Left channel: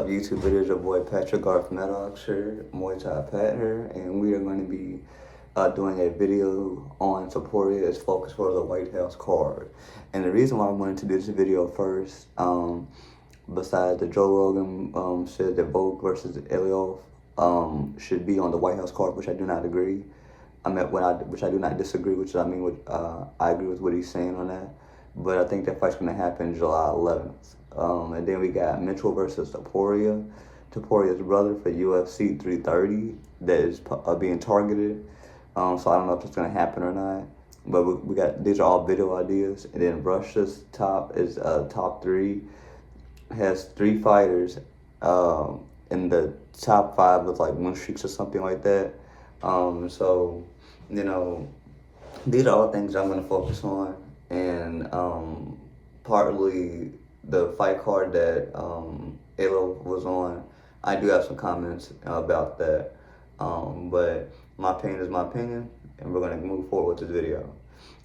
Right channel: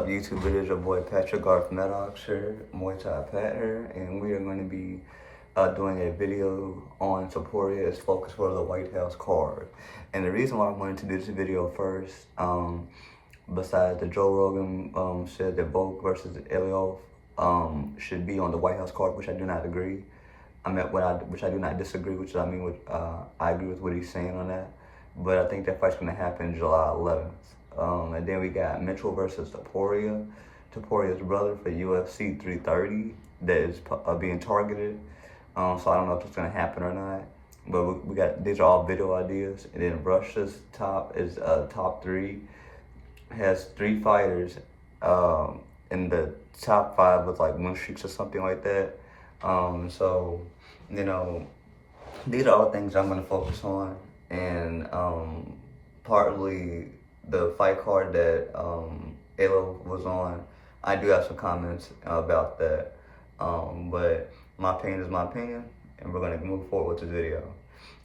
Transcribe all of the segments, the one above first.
up, YouTube? It is your boy Patrick Garth Maddox here, Muay Thai Pat here, and we are going to be doing a video on Topuria's focus for the White House card. And the reason why I wanted to do this video first, besides the Joe Rogan said that Volk versus Ilia should be on the White House card, which I do not agree. Which I do not disagree, which I mean, I agree with what he's saying on that. But I think that fight's going to happen July 11th. And then we got Mitchell versus Topuria, Topuria's brother for UFC 330 that is being targeted. So I don't know if it's going to happen or not. But we got, these are all video ideas. And then Russia's top is top three, has 3 fighters in the top 5 with like win streaks or something like that. So, you know, these are all things I'm going to focus on. And partly the fight card that Ilia was on, I do have some comments about that. But my opinion is my opinion, and we're going to move forward with this video.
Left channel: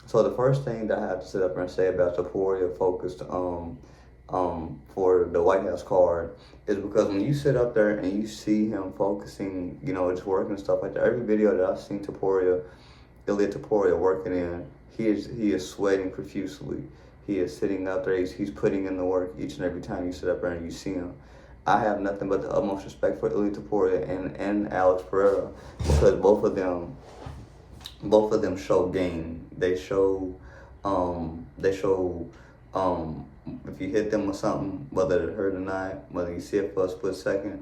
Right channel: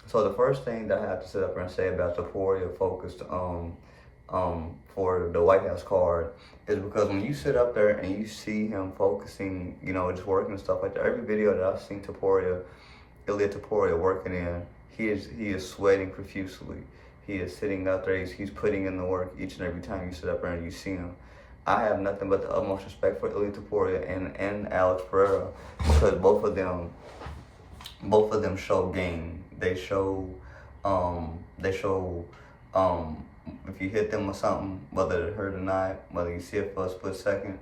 So the first thing that I have to sit up and say about Topuria focused for the White House card is because when you sit up there and you see him focusing, you know, just working and stuff like that, every video that I've seen Ilia Topuria working in, he is sweating profusely. He is sitting up there, he's putting in the work each and every time you sit up there and you see him. I have nothing but the utmost respect for Ilia Topuria and Alex Pereira, because both of them show game. They show if you hit them with something, whether it hurt or not, whether you see it for a split second,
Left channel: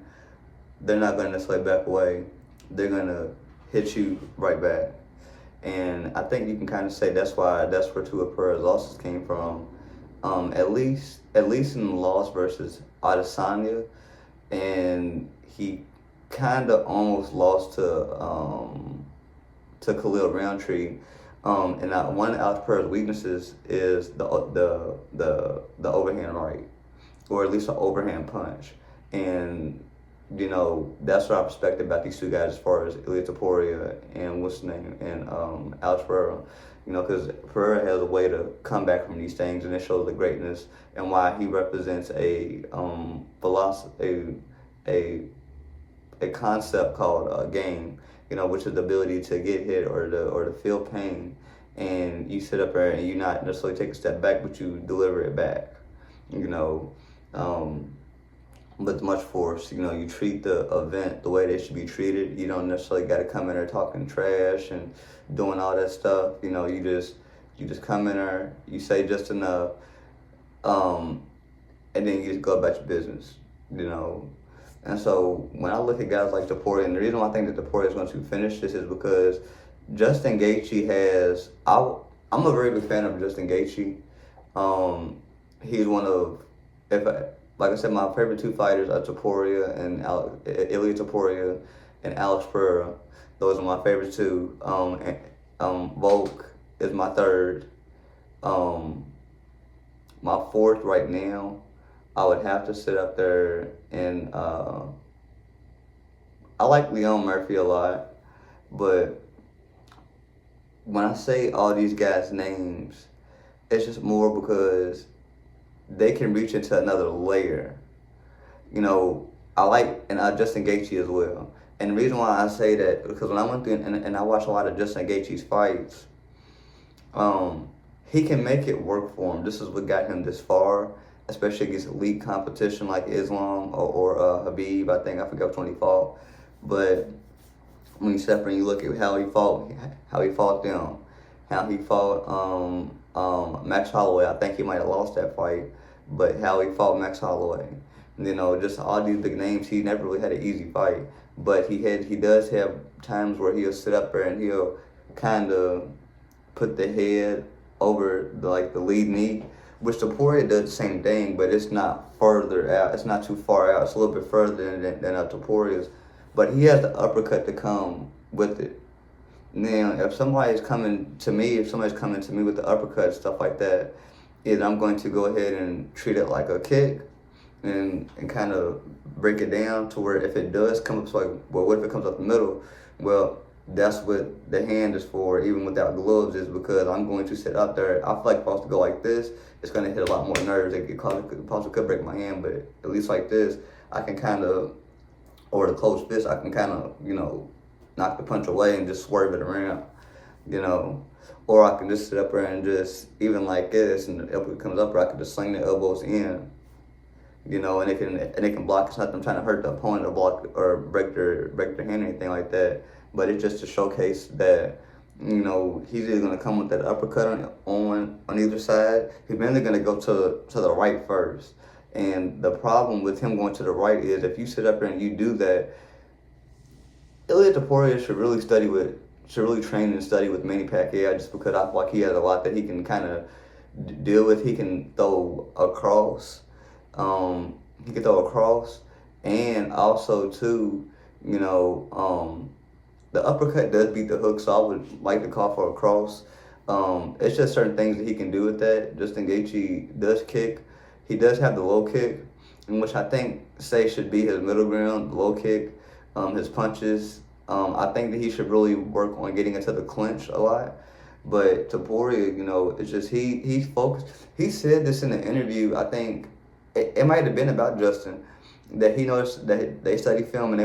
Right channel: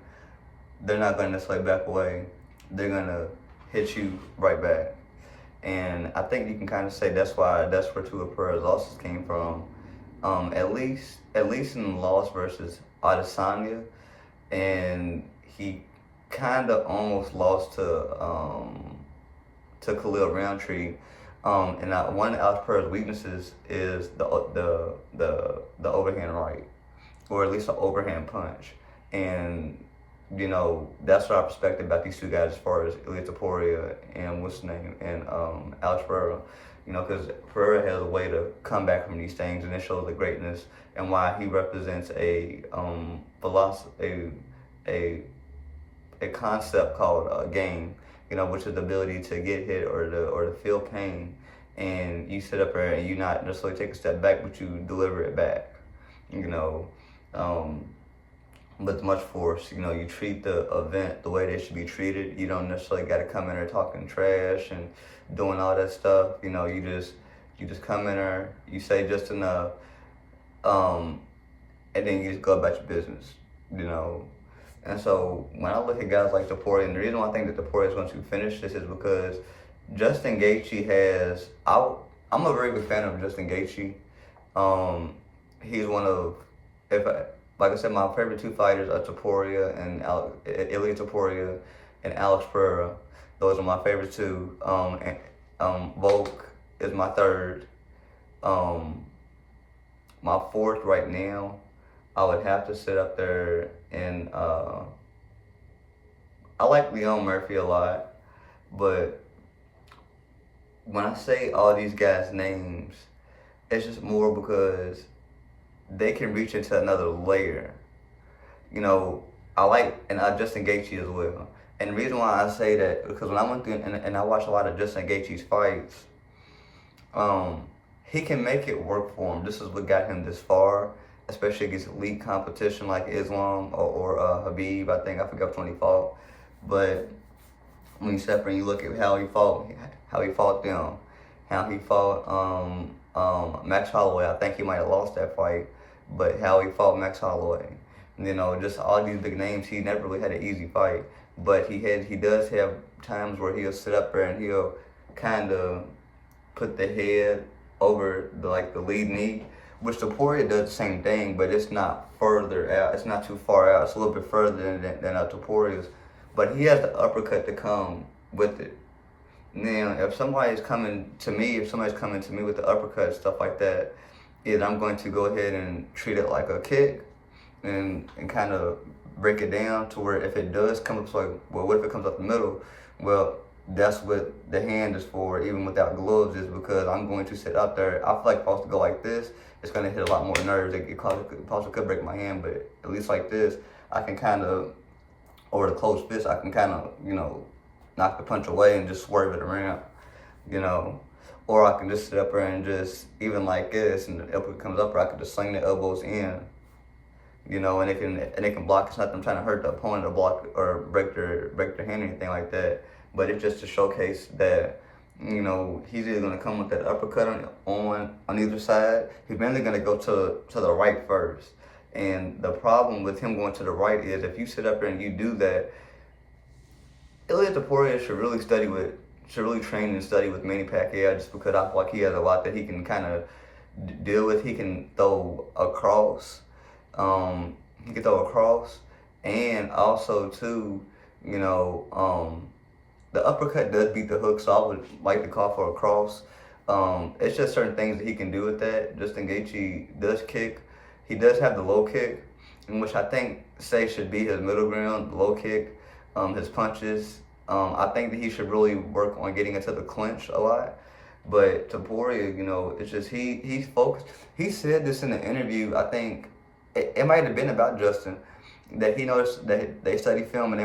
they're not gonna necessarily back away. They're gonna hit you right back. And I think you can kind of say that's where two of Pereira's losses came from. At least in the loss versus Adesanya, and he kind of almost lost to Khalil Roundtree. And one of Alex Pereira's weaknesses is the overhand right, or at least an overhand punch. And you know, that's what I respect about these two guys as far as Ilia Topuria and what's his name, and Alex Pereira. You know, because Pereira has a way to come back from these things, and it shows the greatness and why he represents a philosophy, a concept called a game. You know, which is the ability to get hit or to feel pain, and you sit up there and you not necessarily take a step back, but you deliver it back. You know. With much force, you know, you treat the event the way they should be treated. You don't necessarily got to come in there talking trash and doing all that stuff. You know, you just come in there, you say just enough, and then you just go about your business. You know, and so when I look at guys like Topuria, and the reason why I think that Topuria is going to finish this is because Justin Gaethje has. I'm a very big fan of Justin Gaethje. He's one of, like I said, my favorite 2 fighters are Topuria and Ilia Topuria and Alex Pereira. Those are my favorite 2. Volk is my 3rd. My 4th right now, I would have to sit up there and I like Leon Murphy a lot, but when I say all these guys' names, it's just more because they can reach into another layer. You know, I like Justin Gaethje as well. And the reason why I say that, because when I went through and I watched a lot of Justin Gaethje's fights, he can make it work for him. This is what got him this far, especially against elite competition like Islam or Habib. I forgot which one he fought. But when you step in and you look at how he fought them, how he fought Max Holloway. I think he might have lost that fight, but how he fought Max Holloway, you know, just all these big names, he never really had an easy fight. But he does have times where he'll sit up there and he'll kind of put the head over the lead knee, which Topuria does the same thing, but it's not further out. It's not too far out. It's a little bit further than Topuria's. But he has the uppercut to come with it. Now, if somebody's coming to me with the uppercut, stuff like that, I'm going to go ahead and treat it like a kick and kind of break it down to where if it does come up, so well, what if it comes up the middle? Well, that's what the hand is for, even without gloves, is because I'm going to sit up there. I feel like if I was to go like this, it's going to hit a lot more nerves. It possibly could break my hand, but at least like this, I can kind of, or the closed fist, I can kind of, knock the punch away and just swerve it around, you know. Or I can just sit up there and just, even like this, and the elbow comes up, or I can just sling the elbows in, and they can block. It's not them trying to hurt the opponent or block or break their hand or anything like that. But it's just to showcase that, he's either gonna come with that uppercut on either side. He's mainly gonna go to the right first. And the problem with him going to the right is if you sit up there and you do that, Ilia Topuria should really train and study with Manny Pacquiao, just because I feel like he has a lot that he can kind of deal with. He can throw across. And also too, the uppercut does beat the hook, so I would like to call for a cross. It's just certain things that he can do with that. Justin Gaethje does kick. He does have the low kick, in which I think should be his middle ground, the low kick, his punches. I think that he should really work on getting into the clinch a lot. But Topuria, it's just he's focused. He said this in the interview. I think it might have been about Justin, that he noticed that they study film and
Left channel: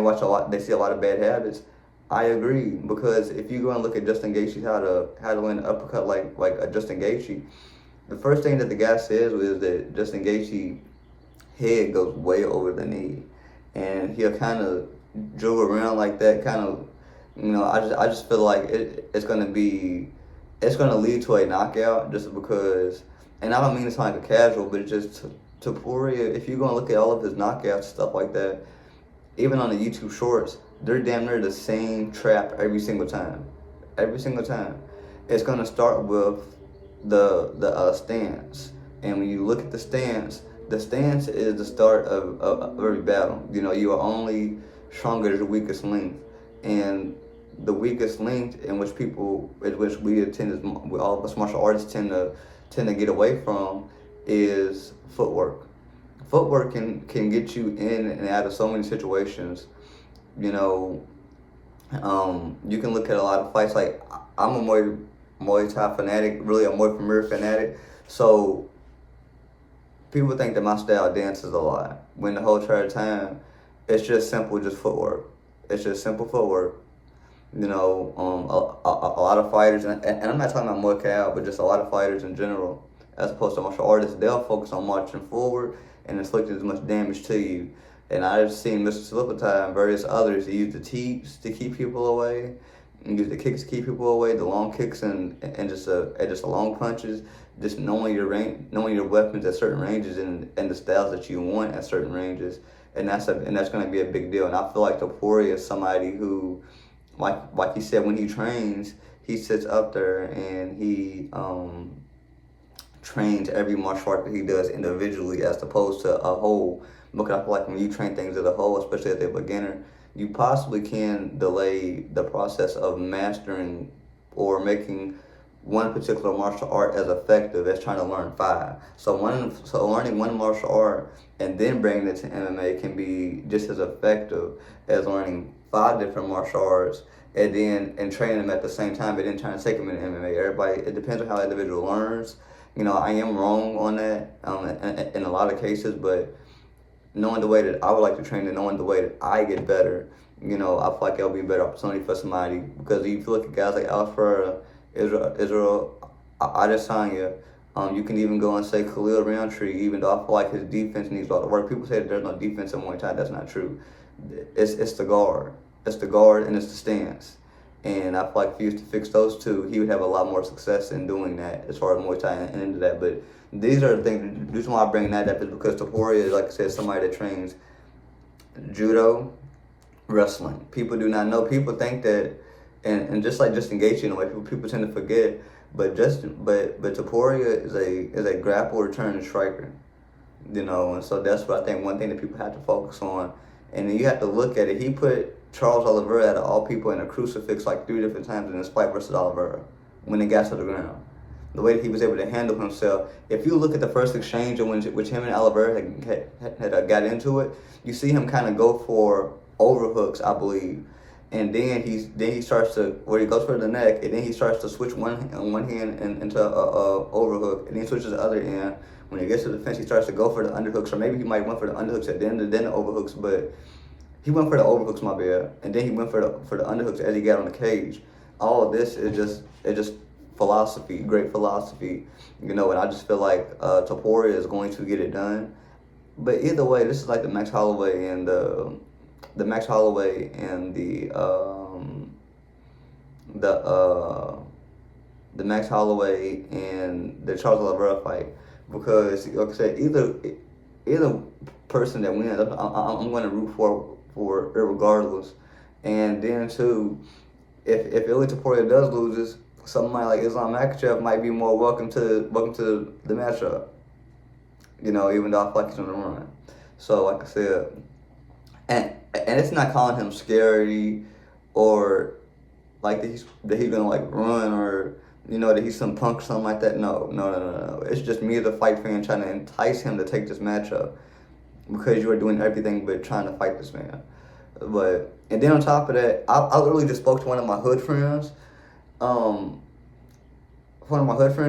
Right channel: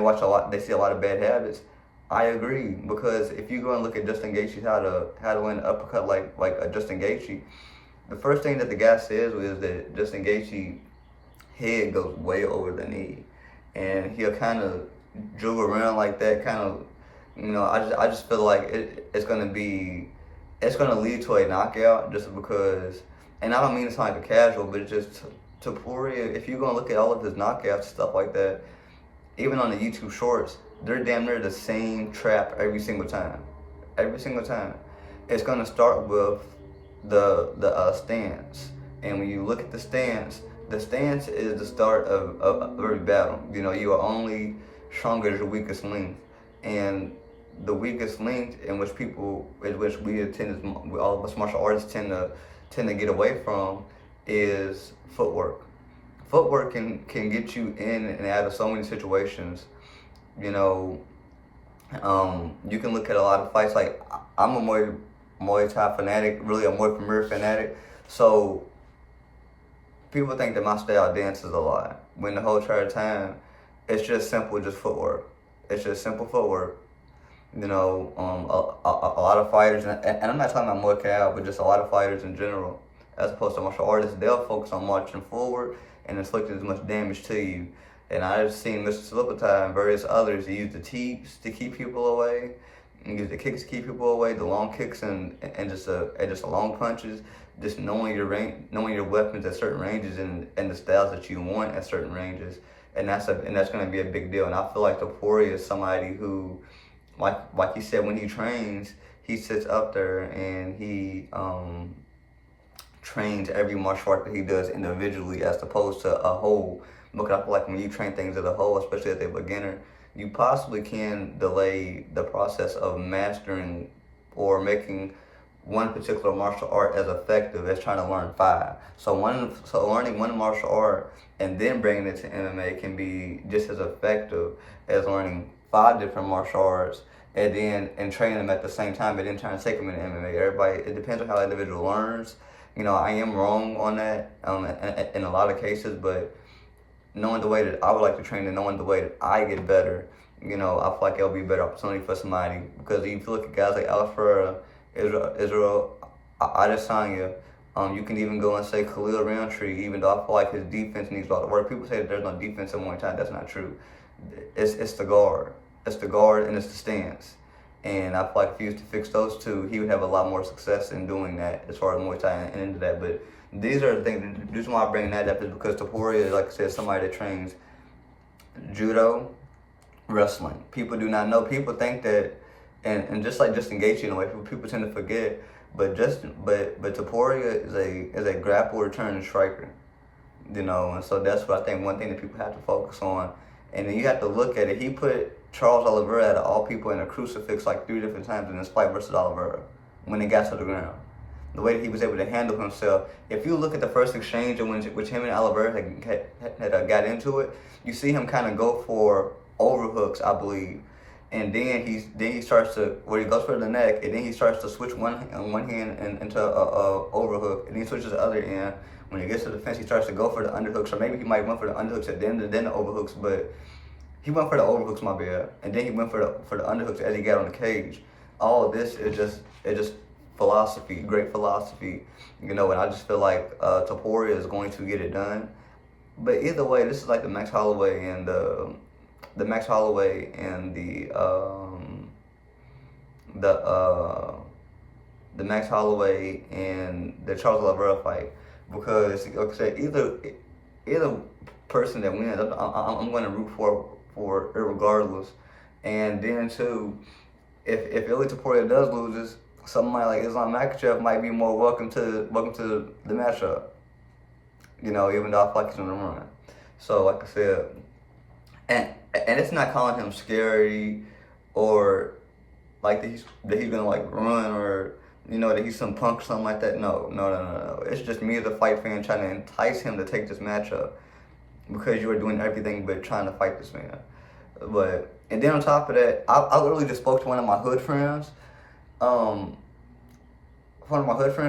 they see a lot of bad habits. I agree, because if you go and look at Justin Gaethje, how to land an uppercut like a Justin Gaethje, the first thing that the guy says is that Justin Gaethje's head goes way over the knee, and he'll kind of jiggle around like that, kind of, I just feel like it's gonna lead to a knockout, just because, and I don't mean to sound like a casual, but it's just Topuria, if you're gonna look at all of his knockouts and stuff like that, even on the YouTube shorts, they're damn near the same trap every single time. Every single time. It's gonna start with the stance, and when you look at the stance is the start of every battle. You are only stronger as your weakest link, and the weakest link in which all of us martial artists tend to get away from is footwork. Footwork can get you in and out of so many situations. You can look at a lot of fights. Like, I'm a Muay Thai fanatic, really a Muay Premier fanatic. So people think that my style dances a lot, when the whole entire time it's just simple, just footwork. It's just simple footwork. A lot of fighters, and I'm not talking about Muay Thai, but just a lot of fighters in general, as opposed to martial artists, they'll focus on marching forward and inflicting as much damage to you. And I've seen Mr. Slipatai and various others use the teeps to keep people away, and use the kicks to keep people away, the long kicks and just the long punches, just knowing your weapons at certain ranges and the styles that you want at certain ranges, and that's going to be a big deal. And I feel like Topuria is somebody who, like he said, when he trains, he sits up there and he trains every martial art that he does individually as opposed to a whole. Because I feel like when you train things as a whole, especially as a beginner, you possibly can delay the process of mastering or making one particular martial art as effective as trying to learn 5. So learning one martial art and then bringing it to MMA can be just as effective as learning 5 different martial arts and training them at the same time, but then trying to take them into MMA. It depends on how the individual learns. I am wrong on that in a lot of cases, but knowing the way that I would like to train and knowing the way that I get better, I feel like it'll be a better opportunity for somebody. Because if you look at guys like Alex Ferreira, Israel Adesanya, you can even go and say Khalil Roundtree, even though I feel like his defense needs a lot of work. People say that there's no defense in Muay Thai. That's not true. It's the guard. It's the guard and it's the stance. And I feel like if he was to fix those two, he would have a lot more success in doing that as far as Muay Thai and into that. But these are the things. The reason why I bring that up is because Topuria, like I said, somebody that trains judo, wrestling. People do not know. People think that, and just like Justin Gaethje, in a way, people tend to forget. But Topuria is a grappler returning striker, and so that's what I think. One thing that people have to focus on, and then you have to look at it. He put Charles Oliveira, out of all people, in a crucifix like 3 different times in his fight versus Oliveira when they got to the ground. The way that he was able to handle himself. If you look at the first exchange in which him and Oliveira had got into it, you see him kind of go for overhooks, I believe, and then he starts to, where he goes for the neck, and then he starts to switch one hand into a overhook, and then he switches the other end When he gets to the fence, he starts to go for the underhooks, or maybe he might went for the underhooks at the end and then the overhooks, but he went for the overhooks, my bad, and then he went for the underhooks as he got on the cage. All of this is just philosophy, great philosophy, you know. And I just feel like Topuria is going to get it done. But either way, this is like the Max Holloway and the Max Holloway and the Max Holloway and the Charles Oliveira fight, because like I said, either person that wins, I'm going to root for regardless. And then too, if Ilia Topuria does loses, somebody like Islam Makhachev might be more welcome to the matchup. You know, even though I feel like he's on the run. So like I said, and it's not calling him scary or like that he's gonna like run, or you know that he's some punk or something like that. No. It's just me as a fight fan trying to entice him to take this matchup, because you are doing everything but trying to fight this man. But and then on top of that, I literally just spoke to one of my hood friends, and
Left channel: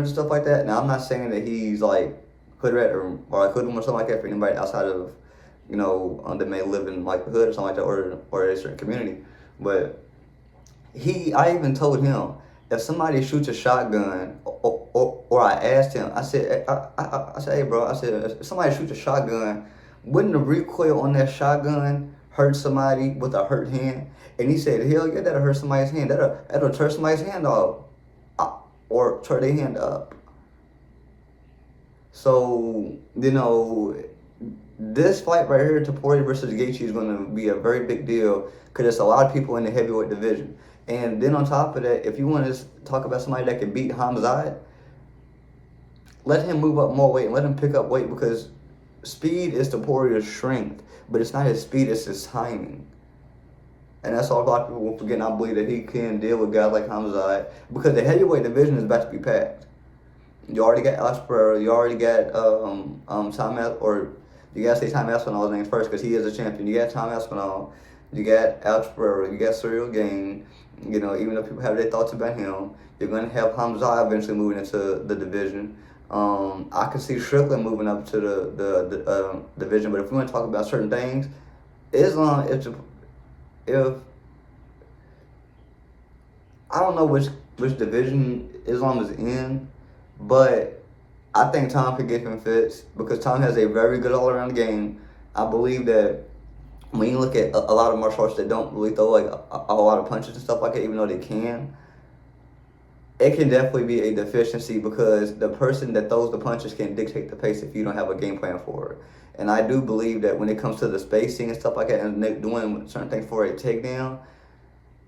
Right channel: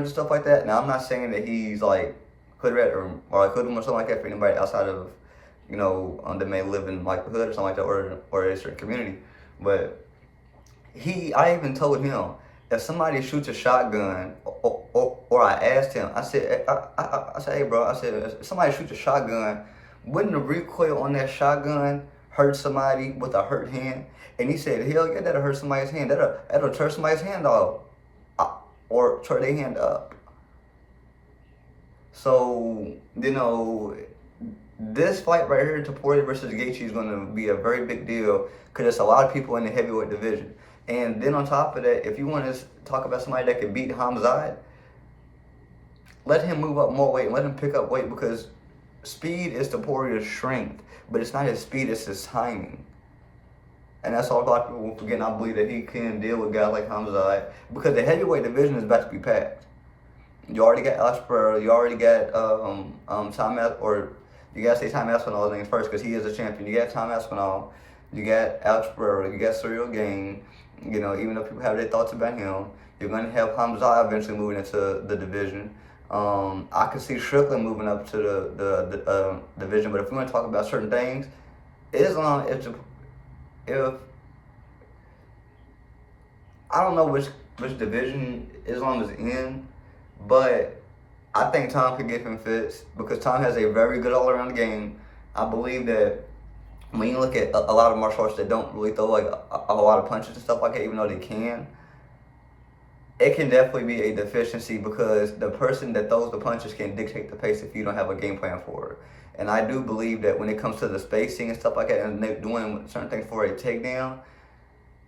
stuff like that. Now I'm not saying that he's like hood rat or like hoodlum or something like that for anybody outside of, you know, that may live in like the hood or something like that, or a certain community. But I even told him, if somebody shoots a shotgun, or I asked him, I said, hey bro, I said, if somebody shoots a shotgun, wouldn't the recoil on that shotgun hurt somebody with a hurt hand? And he said, hell yeah, that'll hurt somebody's hand. That'll tear somebody's hand off, or tear their hand up. So, you know, this fight right here, Topuria versus Gaethje, is going to be a very big deal, because there's a lot of people in the heavyweight division. And then on top of that, if you want to talk about somebody that can beat Hamzat, let him move up more weight and let him pick up weight, because speed is Topuria's strength, but it's not his speed, it's his timing. And that's all a lot of people will forget. And I believe that he can deal with guys like Hamzat, because the heavyweight division is about to be packed. You already got Alex Pereira, you already got you gotta say Tom Aspinall names first, because he is a champion. You got Tom Aspinall, you got Alex Pereira, you got Cyril Gain. You know, even though people have their thoughts about him, you're gonna have Hamzat eventually moving into the division. I could see Strickland moving up to the division. But if we want to talk about certain things, Islam, if I don't know which division Islam is in, but I think Tom could give him fits, because Tom has a very good all-around game. I believe that when you look at a lot of martial arts that don't really throw like a lot of punches and stuff like that, even though they can, it can definitely be a deficiency, because the person that throws the punches can dictate the pace if you don't have a game plan for it. And I do believe that when it comes to the spacing and stuff like that, and doing certain things for a takedown,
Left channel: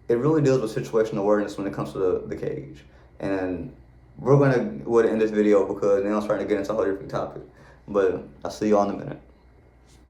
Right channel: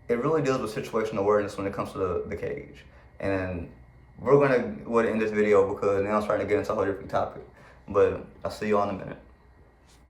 it really deals with situational awareness when it comes to the cage. And we're going to end this video, because now I'm starting to get into a whole different topic. But I'll see you all in a minute.